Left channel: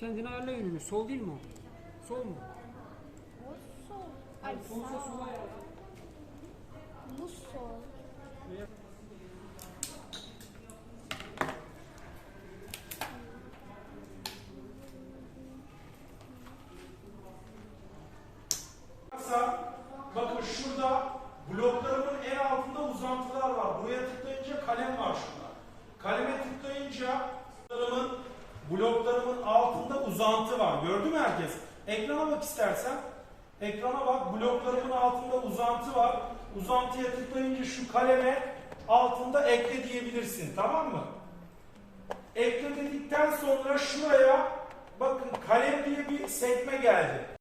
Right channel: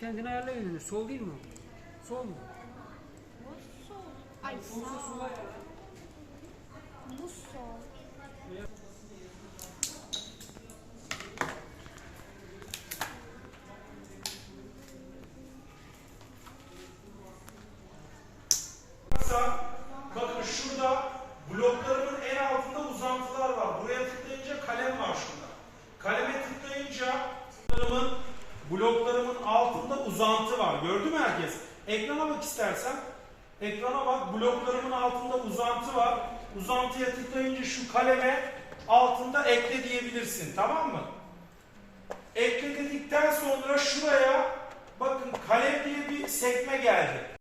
kendine ayarla yönünü. Sol değil mi o? Sol mu? Bu sol. Ay sağ. sola ayarla. Bu sol. Bakın şurada bloklarımın en altında uzantılar var. Buraya tıklayınca kalem var şurada. Kaleme tıklayınca bloklarımın, bloklarımın altında uzantı var. Gördü mü herkes? Ekrana bak istersen. Ekrana bak. Bloklarımın altında uzantı var. Uzantıya tıklayınca şu kaleme altında ekle diyebilirsin. Tamam mı? Ekle dedikten sonra şuraya bakın kalem diye bir sekme geldi.